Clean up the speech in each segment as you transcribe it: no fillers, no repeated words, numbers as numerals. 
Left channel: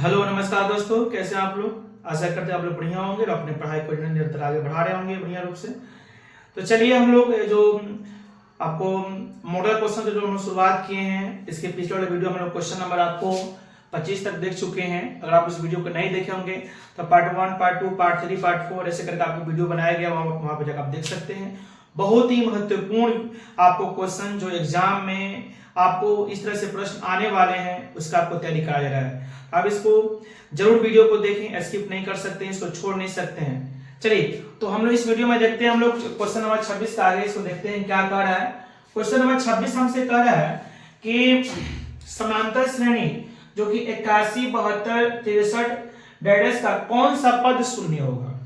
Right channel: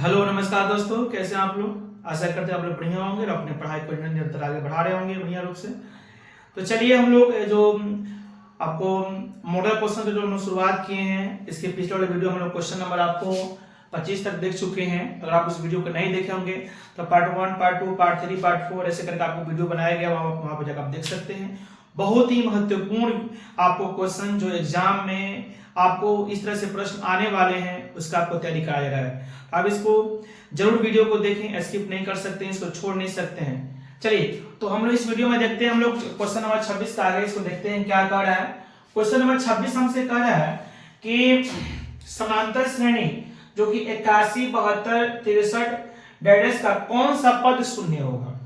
Hello नमस्कार दोस्तों, कैसे हैं आप लोग। आशा करते हैं आप लोग बढ़िया होंगे और अपने पढ़ाई को निरंतर आगे बढ़ा रहे होंगे बढ़िया रूप से। तो चलिए हम लोग जो आपको मॉडल क्वेश्चन के जो हम लोग शुरुआत किए हैं, इसके पिछले वाले वीडियो में हम लोग क्वेश्चन नंबर आपको 25 तक देख चुके हैं। अगर आप उस वीडियो को नहीं देखे होंगे तो पार्ट 1, पार्ट 2, पार्ट 3, पार्ट 4 ऐसे करके आपको वीडियो बनाया गया, वहां पर जाकर आप देख सकते हैं। बहुत ही महत्वपूर्ण आपको क्वेश्चन जो एग्जाम में आपको इस तरह से प्रश्न आने वाले हैं उसका आपको तैयारी कराया जा रहा है। आप इसको जरूर वीडियो को देखें, स्किप नहीं कर सकते हैं, इसको छोड़ नहीं सकते हैं। चलिए तो हम लोग इस वीडियो में देखते हैं, हम लोग क्वेश्चन नंबर 26 का आगे इसको देखते हैं क्या कह रहा है। क्वेश्चन नंबर 26 हमसे कह रहा है कि समांतर श्रेणी जो कि 81, 72, 63 डैश का कौन सा पद शून्य होगा।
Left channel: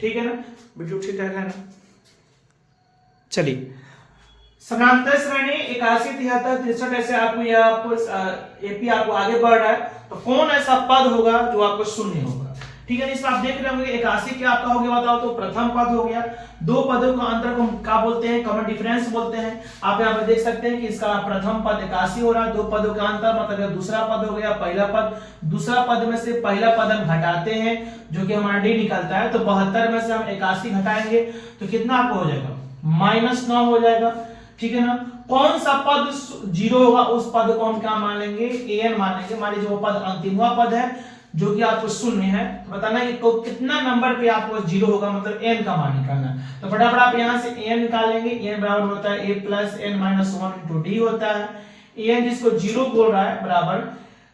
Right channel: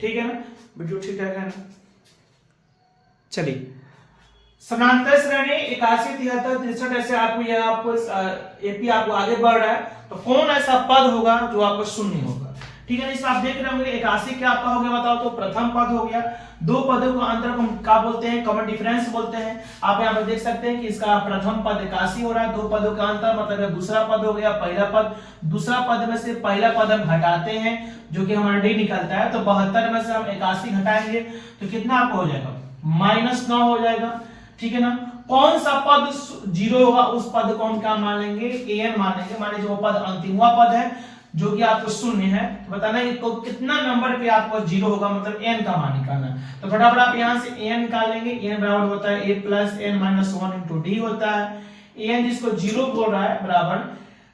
ठीक है ना, वीडियो ठीक है ना। चलिए समांतर श्रेणी 81, 73, 63 ऐसे आपको एपी आपको आगे बढ़ रहा है, तो कौन ऐसा पद होगा जो आपको शून्य होगा। ठीक है, इसमें आप देख रहे होंगे 81 क्या आपका हो गया बताओ, तो प्रथम पद हो गया। दो पदों का अंतर को हम क्या बोलते हैं, कॉमन डिफरेंस बोलते हैं। आप यहाँ पर देख सकते हैं कि इसका प्रथम पद 81 हो रहा है, दो पदों का अंतर मतलब दूसरा पद हो गया, पहला पद। दूसरा पद में से पहला पद हम घटाते हैं जो कि हमारा डी निकलता है, तो 72 में से हम 81 घटाएंगे तो कितना आपको हो जाएगा, -9 हो जाएगा। ठीक है ना, कौन सा पद जीरो होगा उस पद को हम क्या मानेंगे, एन मानेंगे। मान लीजिए वो पद अंतिमवा पद है जो कि आपको शून्य है, तो बताना है तो कितना नंबर पे आपको जीरो होगा, मतलब एन का मान निकालना। तो फटाफट आप यहां से एन निकाल लेंगे। एन बराबर होता है a + n - 1 * d होता है। एन जिसको जीरो बोल रहा है बराबर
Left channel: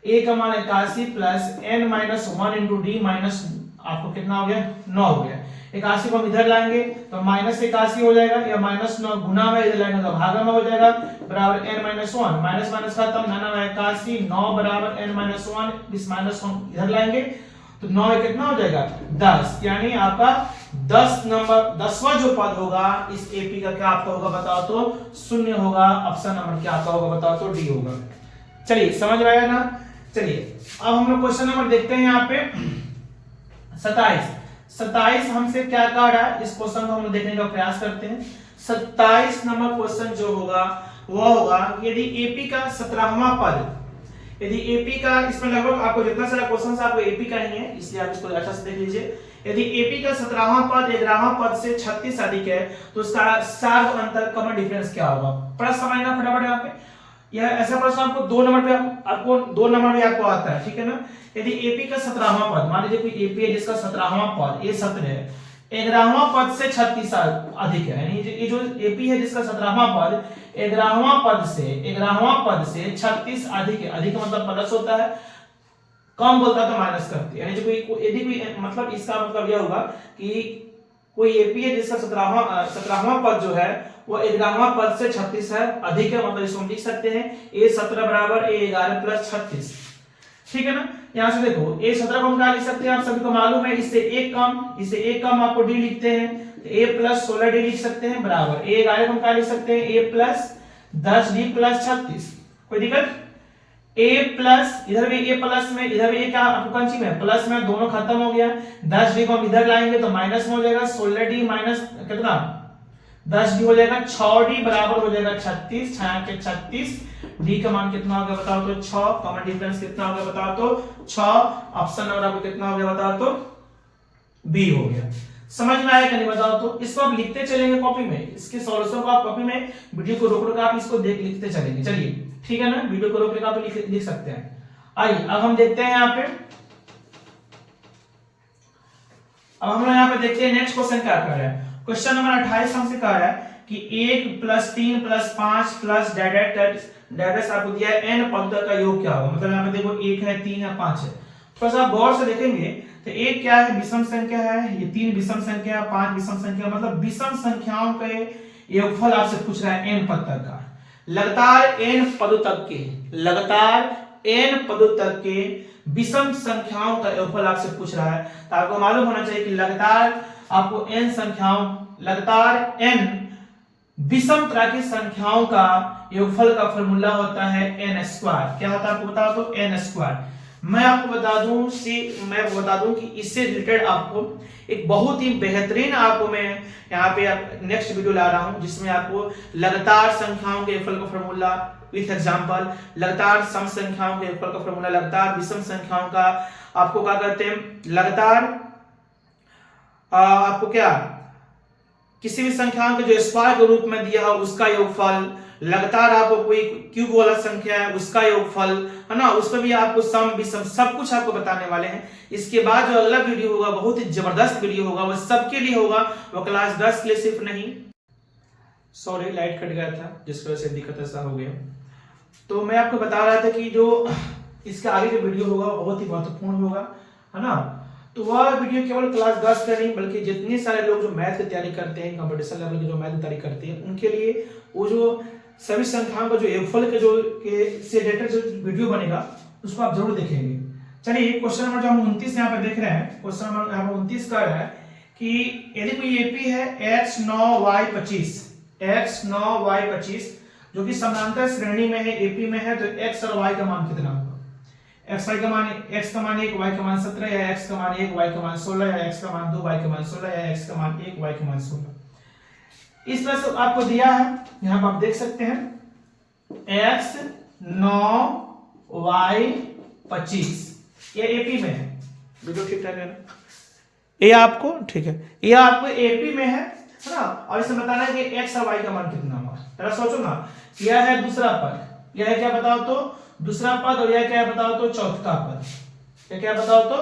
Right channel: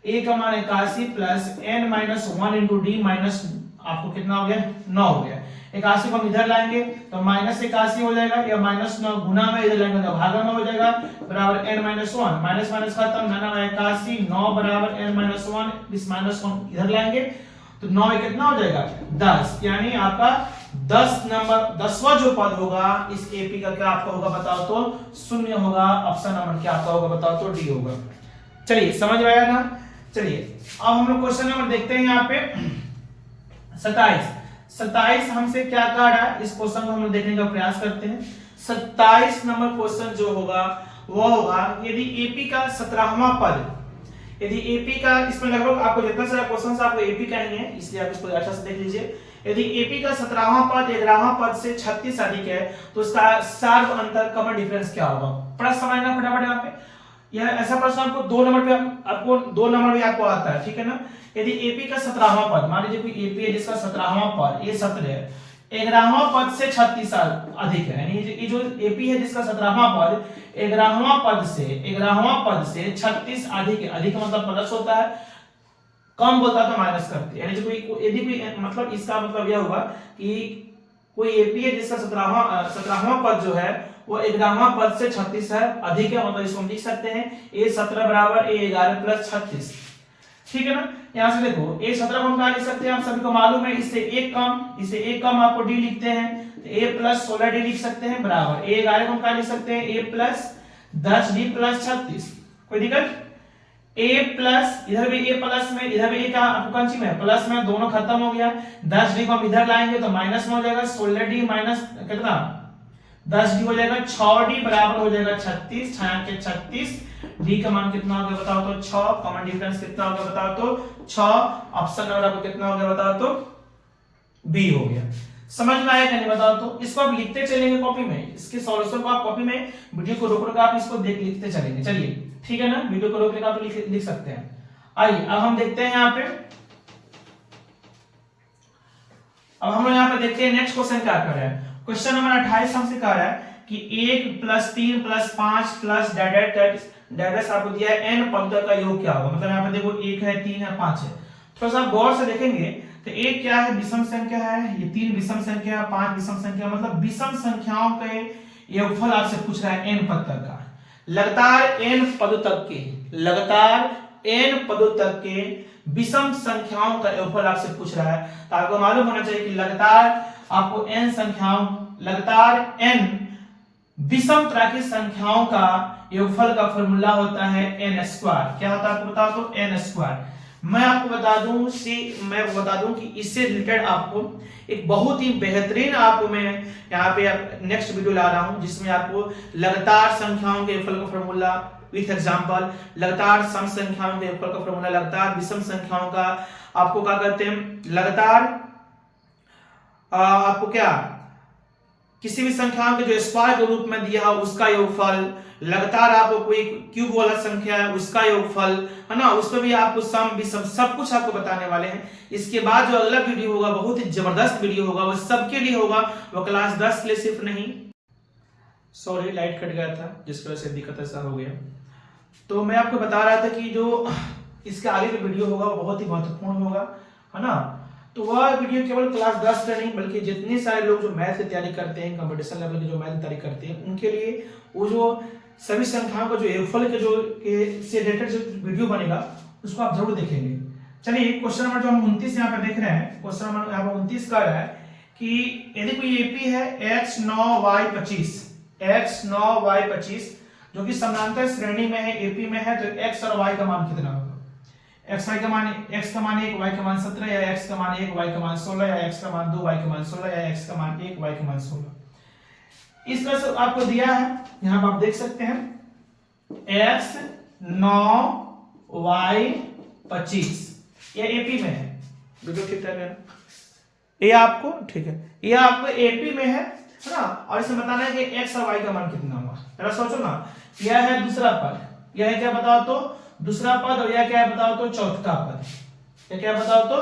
a का मान 81 + n - 1 * d माइनस आपको कितना हो गया, 9 हो गया। 81 को हम इधर लाएंगे तो -81 हो जाएगा, या -9 गुना में इधर लाएंगे तो भागा में हो जाएगा, बराबर n - 1 माइनस माइनस खत्म, 9 × 81 9 बराबर n - 1 इस -1 इधर लाएंगे तो 9 कितना हो जाएगा 10, यानी आपका 10 नंबर 10वां जो पद होगा इस एपी का क्या आपका होगा बताओ तो शून्य होगा। ऑप्शन नंबर क्या आपका होगा बताओ तो डी होगा। चलिए समझ में आया ना। चलिए अब हम लोग क्वेश्चन नंबर देखते हैं यहाँ पे 27 हमसे क्या कह रहा है, इस क्वेश्चन को हम लोग देखने का प्रयास करते हैं। 27 नंबर क्वेश्चन जो होगा वो होगा यदि एपी का 17वां पद, यदि एपी का, इसमें लगभग आपको जितना सारा क्वेश्चन आपको एपी का ही है इसलिए आप इसको अच्छा से देख लीजिए। यदि एपी का 17वां पद 11वां पद से 36 अधिक है तो उसका सार्व अंतर कॉमन डिफरेंस क्या होगा। प्रश्न समझना फटाफट यहाँ पे। यह ऐसा प्रश्न आपको 2 नंबर पे आपको आता है। ठीक है ना, यदि एपी का 17वां पद, मान लीजिए कोई एपी है जिसका 17वां पद ए 17 है, 11वां पद से 36 अधिक है, यानी ये जो एपी है जिसका 17वां पद 11वां पद से 36 अधिक है। अधिक मतलब प्लस होता है, कम बोलता है तो माइनस करते हैं। यानी जो यदि कोई मतलब इसका मतलब यह होगा कि कोई एपी है जिसका 17वां पद जो है वो 11वां पद से 36 है अधिक है, मतलब इसको हम लिख सकते हैं a17 बराबर a11 + 36। ठीक है ना, यहां से देखो a17 को हम क्या लिख सकते हैं, आप सभी को मालूम है इसे एक कम आपको d लिखते हैं तो a + 16d लिख सकते हैं, बराबर a11 को हम क्या लिख सकते हैं a + 10d + 36। कोई दिक्कत, a प्लस इधर भी a प्लस में, इधर भी a क्या आपको कौन सी में प्लस में, दोनों खत्म हो गया। 10d को हम इधर लाएंगे तो माइनस में हो जाएगा, 16d माइनस कितना 10d हो जाएगा, 6d बराबर हो जाएगा 36, 6 के 36, d का मान कितना हो गया बताओ तो 6, कॉमन डिफरेंस कितना हो गया बताओ तो 6। ऑप्शन नंबर आपको कितना हो गया बताओ तो बी हो गया। समझ में आया कि नहीं बताओ तो। इसको आप लिखते चलेंगे कॉपी में, इसके सॉल्यूशन को आप कॉपी में वीडियो को रोक आप इसको लिखते चलेंगे। चलिए ठीक है ना, वीडियो को रोक आप लिख सकते हैं। आइए अब हम देखते हैं यहाँ पे, अब हम लोग यहाँ पे देखते हैं नेक्स्ट क्वेश्चन क्या कर रहा है। क्वेश्चन नंबर 28 हमसे कह रहा है कि 1 + 3 + 5 + डैश आपको दिया है n पद का योग क्या होगा। मतलब यहाँ पे देखो 1 है, 3 है, 5 है। थोड़ा सा गौर से देखेंगे तो 1 क्या है, विषम संख्या है, ये 3 विषम संख्या है, 5 विषम संख्या, मतलब विषम संख्याओं के योगफल आपसे पूछ रहा है n पद तक का। लगातार n पदों तक के विषम संख्याओं का योगफल आपसे पूछ रहा है, तो आपको मालूम होना चाहिए कि लगातार आपको लगातार n विषम तरह की संख्याओं का योगफल का फॉर्मूला होता है n²। क्या होता है आपको बताओ तो n²। मैं आपको बता दूं कि इससे रिलेटेड आपको एक बहुत ही बेहतरीन आपको मैं यहाँ पे नेक्स्ट वीडियो ला रहा हूं जिसमें आपको लगातार संख्याओं के योगफल का फॉर्मूला विथ एग्जांपल। लगातार सम संख्याओं के योगफल का फॉर्मूला, लगातार विषम संख्याओं का आपको क्या कहते हैं, लगातार आपको क्या किसी भी संख्याओं के जो स्क्वायर के रूप में दिया है उसका योगफल, लगातार आपको कोई क्यूब वाला संख्या है उसका योगफल, है ना, उसमें भी आपको सम विषम सब कुछ आपको बताने वाले हैं। इसके बाद जो अगला वीडियो होगा बहुत ही जबरदस्त वीडियो होगा, वो सबके लिए होगा, वो क्लास 10 के लिए सिर्फ नहीं। सॉरी लाइट कट गया था जिस वजह से दिक्कत ऐसा हो गया। तो मैं आपको बता रहा था कि जो इसके आगे जो वीडियो होगा वो बहुत ही महत्वपूर्ण होगा, है ना। तो वह वीडियो केवल क्लास 10 का नहीं बल्कि जितने सारे लोग जो मैथ की तैयारी करते हैं, कंपटीशन लेवल की जो मैथ की तैयारी करते हैं, उनके लिए वो जो सभी संख्याओं का जो योगफल के जो से रिलेटेड जो वीडियो बनेगा उसको आप जरूर देखेंगे। चलिए क्वेश्चन नंबर जो हम 29 यहाँ पे देख रहे हैं, क्वेश्चन नंबर यहाँ पे 29 कर रहा है कि यदि कोई एपी है x 9 y 25, x 9 y 25 जो कि समानांतर श्रेणी में है, एपी में है, तो x और y का मान कितना होगा? x का मान 1, y का मान 17, या x का मान 1, y का मान 16, या x का मान 2, y का मान 16, या x का मान 1, y का मान 16। इस तरह से आपको दिया है, यहां पर आप देख सकते हैं x 9 y 25, ये एपी में है, वीडियो ठीक ठाक है ना, ये आपको ठीक है, ये आपको एपी में है ना, और इसे बताना है कि x और y का मान कितना होगा। जरा सोचो ना, यह है दूसरा पद, यह है क्या बताओ तो दूसरा पद, और यह क्या है बताओ तो चौथा पद, यह क्या बताओ तो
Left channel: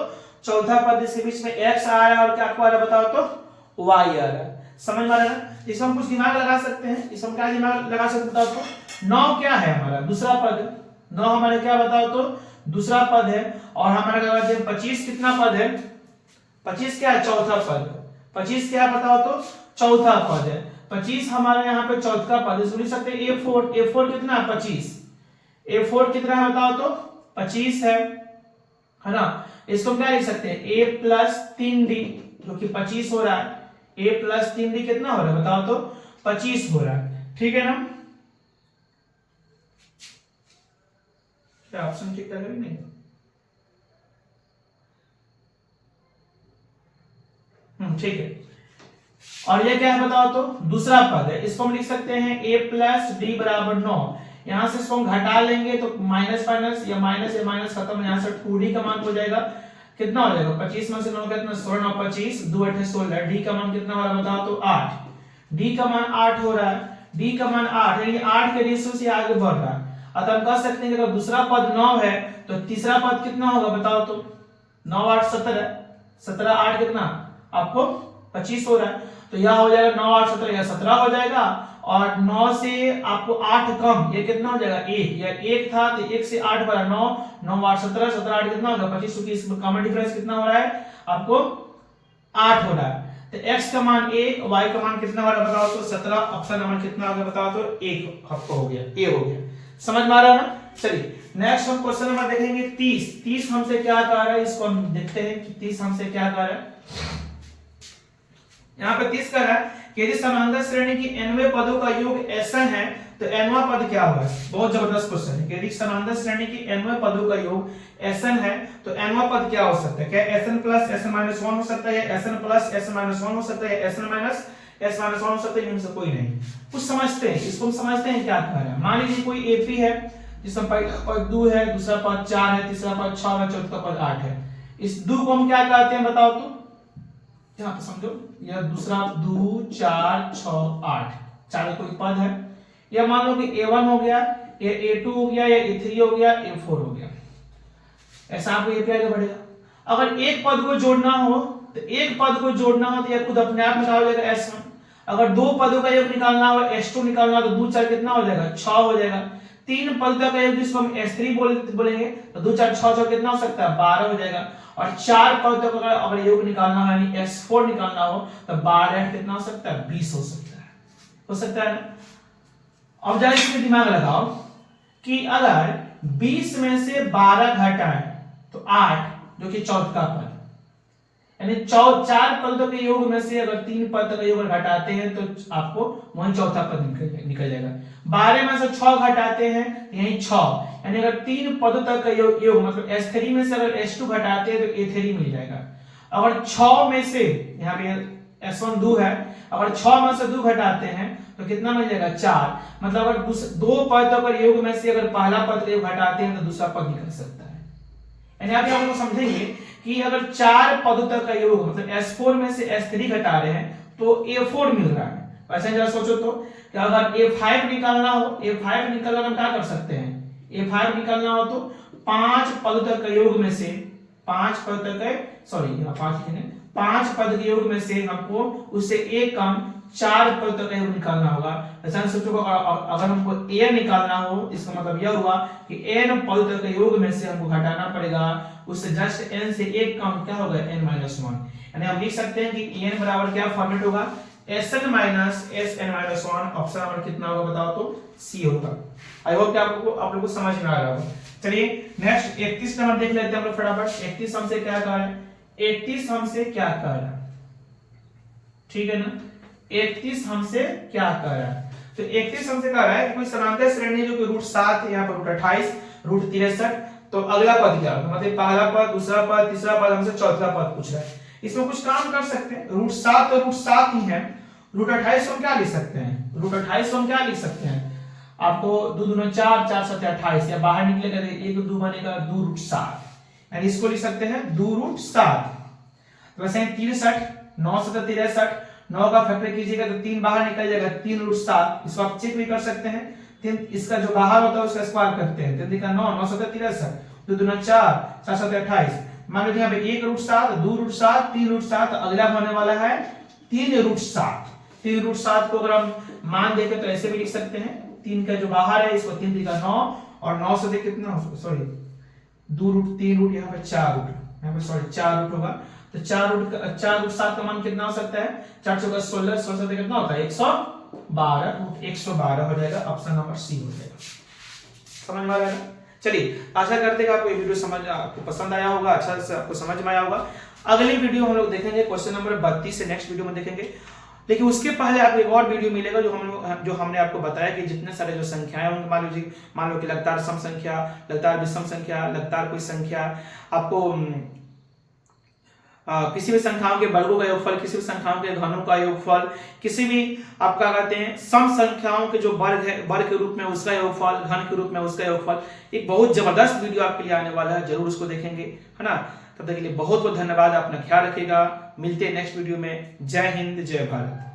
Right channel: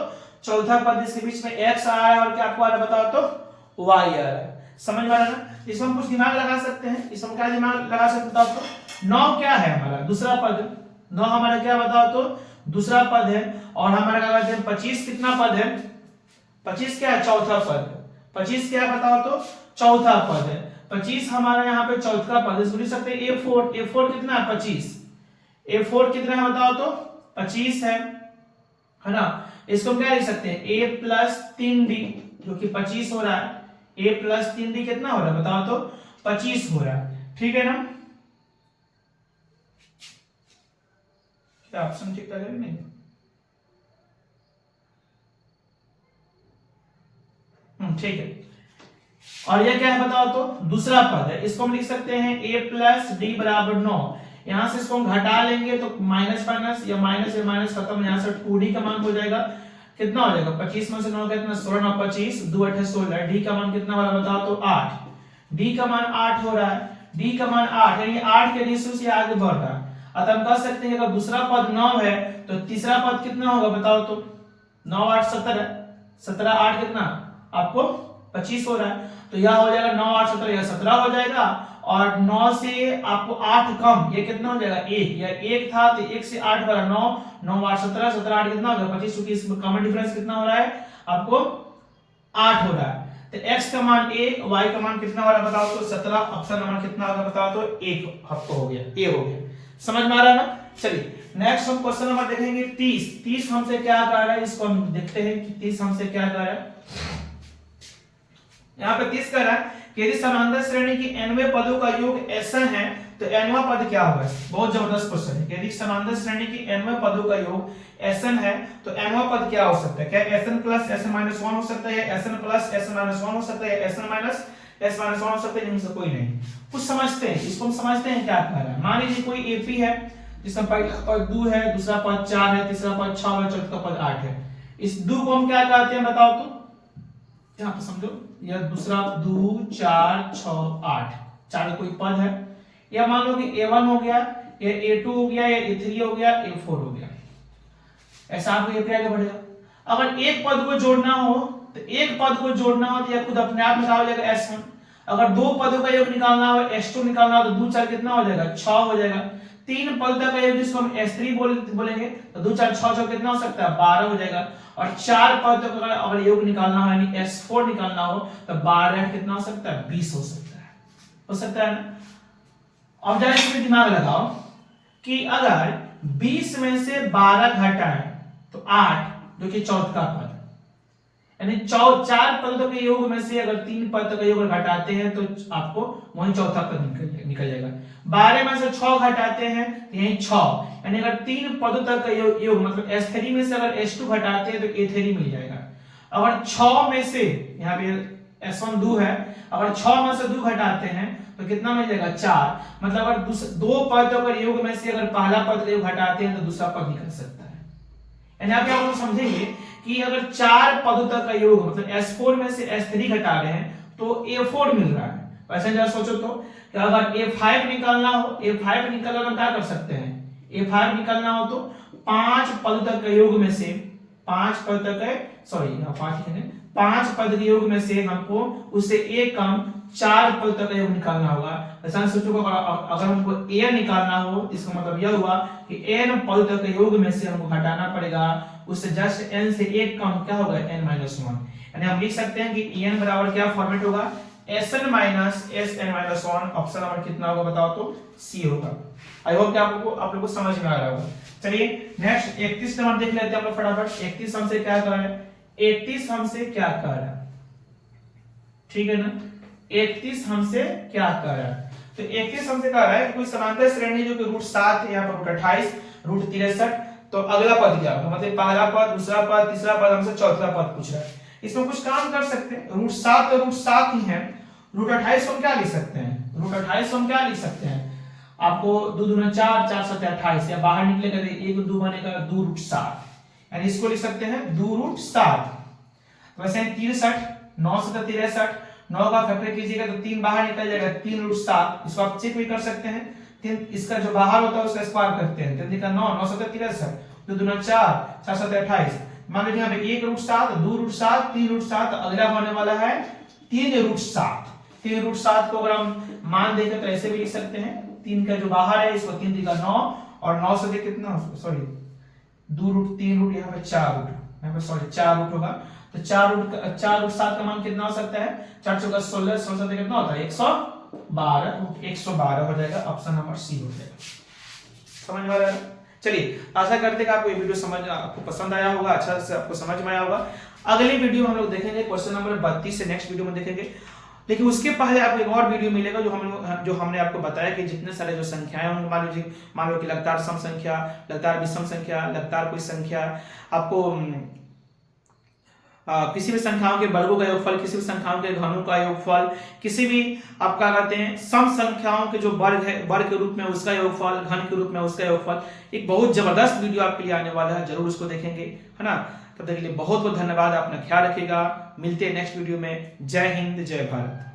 चौथा पद, इसके बीच में x आ रहा है और क्या आपको आ रहा है बताओ तो y आ रहा है। समझ में आ रहा है ना? इसमें हम कुछ दिमाग लगा सकते हैं, इसमें क्या दिमाग लगा सकते हैं बताओ तो 9 क्या है हमारा दूसरा पद, 9 हमारा क्या बताओ तो दूसरा पद है, और हमारा क्या कहते हैं 25 कितना पद है, 25 क्या है चौथा पद, 25 क्या बताओ तो चौथा पद है, 25 हमारा यहाँ पे चौथा पद है। सुन सकते हैं A4, A4 कितना है 25, A4 कितना है बताओ तो 25 है ना। इसको क्या लिख सकते हैं A प्लस 3D जो कि 25 हो रहा है, A प्लस 3D कितना हो रहा है बताओ तो 25 हो रहा है, ठीक है ना। क्या ऑप्शन ठीक ठाक है नहीं? ठीक है। और ये क्या है बताओ तो दूसरा पद है, इसको हम लिख सकते हैं A प्लस डी बराबर 9, यहां से इसको हम घटा लेंगे तो माइनस माइनस या माइनस खत्म, यहां से 2D का मान हो जाएगा, कितना हो जाएगा 25 में से 9 कितना 16, 9 25, 2 8 16, डी का मान कितना हो रहा है बताओ तो 8, डी का मान 8 हो रहा है, डी का मान 8 यानी 8 के रेशियो से आगे बढ़ रहा है। अतः हम कह सकते हैं कि अगर दूसरा पद 9 है तो तीसरा पद कितना होगा बताओ तो 9 8 17, 17 8 कितना आपको 25 हो रहा है, तो यह हो जाएगा 9 8 17, यह 17 हो जाएगा, और 9 से आपको 8 कम ये कितना हो जाएगा 1, या 1 था तो 1 से 8 बढ़ा 9, 9 8 17, 17 8 कितना होगा 25, क्योंकि इसमें कॉमन डिफरेंस कितना हो रहा है आपको 8 हो रहा है। तो x का मान 1, y का मान कितना हो रहा है बताओ तो 17, ऑप्शन नंबर कितना होगा बताओ तो 1 आपको हो गया, ये हो गया। समझ में आ रहा है ना। चलिए नेक्स्ट हम क्वेश्चन नंबर देखेंगे 30। 30 हमसे क्या कह रहा है, इसको हम देखते हैं कि 30 हमसे क्या कह रहा है। यहाँ पे 30 कह रहा है कि यदि समांतर श्रेणी की nवें पदों का योग Sn है तो nवां पद क्या होगा। बहुत जबरदस्त क्वेश्चन है, यदि समांतर श्रेणी की nवें पदों का योग Sn है तो nवां पद क्या हो सकता है, क्या Sn प्लस Sn माइनस 1 हो सकता है, या Sn प्लस Sn माइनस 1 हो सकता है, या Sn माइनस S माइनस 1 हो सकता है, इनमें से कोई नहीं। कुछ समझते हैं, इसको हम समझते हैं क्या कह रहा है। मान लीजिए कोई AP है जिसमें पहला पद 2 है, दूसरा पद 4 है, तीसरा पद 6 है, चौथा पद 8 है। इस 2 को हम क्या कहते हैं बताओ तो, यहाँ पे समझो, यह दूसरा 2 4 6 8 चार कोई पद है, या मान लो कि A1 हो गया, या A2 हो गया, या A3 हो गया, A4 हो गया, ऐसा आपको ये आगे बढ़ेगा। अगर एक पद को जोड़ना हो तो एक पद को जोड़ना हो तो यह खुद अपने आप निकाल हो जाएगा S1। अगर दो पदों का योग निकालना हो S2 निकालना हो तो 2 4 कितना हो जाएगा 6 हो जाएगा। तीन पद का योग जिसको हम S3 बोलेंगे तो 2 4 6 6 कितना हो सकता है 12 हो जाएगा। और चार पदों का अगर योग निकालना हो यानी S4 निकालना हो तो 12 कितना हो सकता है 20 हो सकता है ना। अब जरा इसमें दिमाग लगाओ कि अगर 20 में से 12 घटाएं तो 8 जो कि चौथा पद, यानी चार पदों के योग में से अगर 3 पद का योग घटाते हैं तो आपको वही चौथा पद निकल जाएगा। 12 में से 6 घटाते हैं तो यही 6, यानी अगर 3 पदों तक का योग मतलब S3 में से अगर S2 घटाते हैं तो A3 मिल जाएगा। अगर 6 में से यहाँ पे S1 2 है, अगर 6 में से 2 घटाते हैं तो कितना मिल जाएगा 4। मतलब अगर दो पदों का योग में से अगर पहला पद का योग घटाते हैं तो दूसरा पद निकल सकता है। यानी आप लोग समझेंगे कि अगर 4 पदों तक का योग मतलब S4 में से S3 घटा रहे हैं तो A4 मिल रहा है। वैसे जरा सोचो तो कि अगर A5 निकालना हो, A5 निकालना हम क्या कर सकते हैं, A5 निकालना हो तो 5 पद तक का योग में से 5 पद तक है, सॉरी यहाँ 5 पद के योग में से हमको उससे एक कम 4 पद तक का योग निकालना होगा। ऐसा सोचो अगर हमको n निकालना हो, इसका मतलब यह हुआ कि n पद तक के योग में से हमको घटाना पड़ेगा उससे जस्ट n से एक कम क्या होगा n-1। यानी हम लिख सकते हैं कि n बराबर क्या फॉर्मेट होगा Sn minus Sn-1। Option number कितना होगा बताओ तो C होगा। आई होप कि आप लोग को समझ में आ रहा होगा। चलिए नेक्स्ट 31 नंबर देख लेते हैं हम लोग फटाफट। 31 हमसे क्या कह रहा है, 31 हमसे क्या कह रहा है, ठीक है ना। 31 हमसे क्या कह रहा है, तो 31 हमसे कह रहा है कि कोई समांतर श्रेणी जो कि रूट 7 यहाँ पर रूट 28 रूट 63, तो अगला पद क्या होगा, मतलब पहला पद, दूसरा पद, तीसरा पद, हमसे चौथा पद पूछ रहा है। इसमें कुछ काम कर सकते हैं, रूट 7 तो रूट 7 ही है, रूट 28 को हम क्या लिख सकते हैं, रूट 28 को हम क्या लिख सकते हैं, आपको 2 दूना 4, 4 7 28, या बाहर निकलेगा 1 2 बनेगा 2 रूट 7, यानी इसको लिख सकते हैं 2 रूट 7। तो वैसे 63, 9 7 63, 9 का फैक्टर कीजिएगा तो 3 बाहर निकल जाएगा 3 रूट 7। इसको आप चेक भी कर सकते हैं, 3 इसका जो बाहर होता है उसका स्क्वायर करते हैं, 3 का 9, 9 7 63, 2 दूना 4, 4 7 28। मान लीजिए यहाँ पे 1 रूट 7, 2 रूट 7, 3 रूट 7, अगला होने वाला है 3 रूट 7। 3 रूट 7 को अगर हम मान देखें तो ऐसे भी लिख सकते हैं, 3 का जो बाहर है इसको 3 3 का 9, और 9 से देख कितना, सॉरी 2 रूट 3 रूट, यहाँ पे 4 रूट, यहाँ पे सॉरी 4 रूट होगा, तो 4 रूट 7 का मान कितना हो सकता है, 4 चौका 16, 16 से कितना होता है 112, रूट 112 हो जाएगा। ऑप्शन नंबर सी हो जाएगा। समझ में आ रहा है। चलिए आशा करते हैं कि आपको ये वीडियो आपको पसंद आया होगा, अच्छा से आपको समझ में आया होगा। अगली वीडियो हम लोग देखेंगे क्वेश्चन नंबर 32 से नेक्स्ट वीडियो में देखेंगे। लेकिन उसके पहले आपको एक और वीडियो मिलेगा जो हमने आपको बताया कि जितने सारे जो संख्याएं होंगे, मान लो कि लगातार सम संख्या, लगातार विषम संख्या, लगातार कोई संख्या, आपको किसी भी संख्याओं के वर्गों का योगफल, किसी भी संख्याओं के घनों का योगफल, किसी भी आप क्या कहते हैं सम संख्याओं के जो वर्ग है, वर्ग के रूप में उसका योगफल, घन के रूप में उसका योगफल, एक बहुत जबरदस्त वीडियो आपके लिए आने वाला है, जरूर उसको देखेंगे, है ना। तब तक के लिए बहुत बहुत धन्यवाद, अपना ख्याल रखिएगा, मिलते हैं नेक्स्ट वीडियो में। जय हिंद, जय भारत।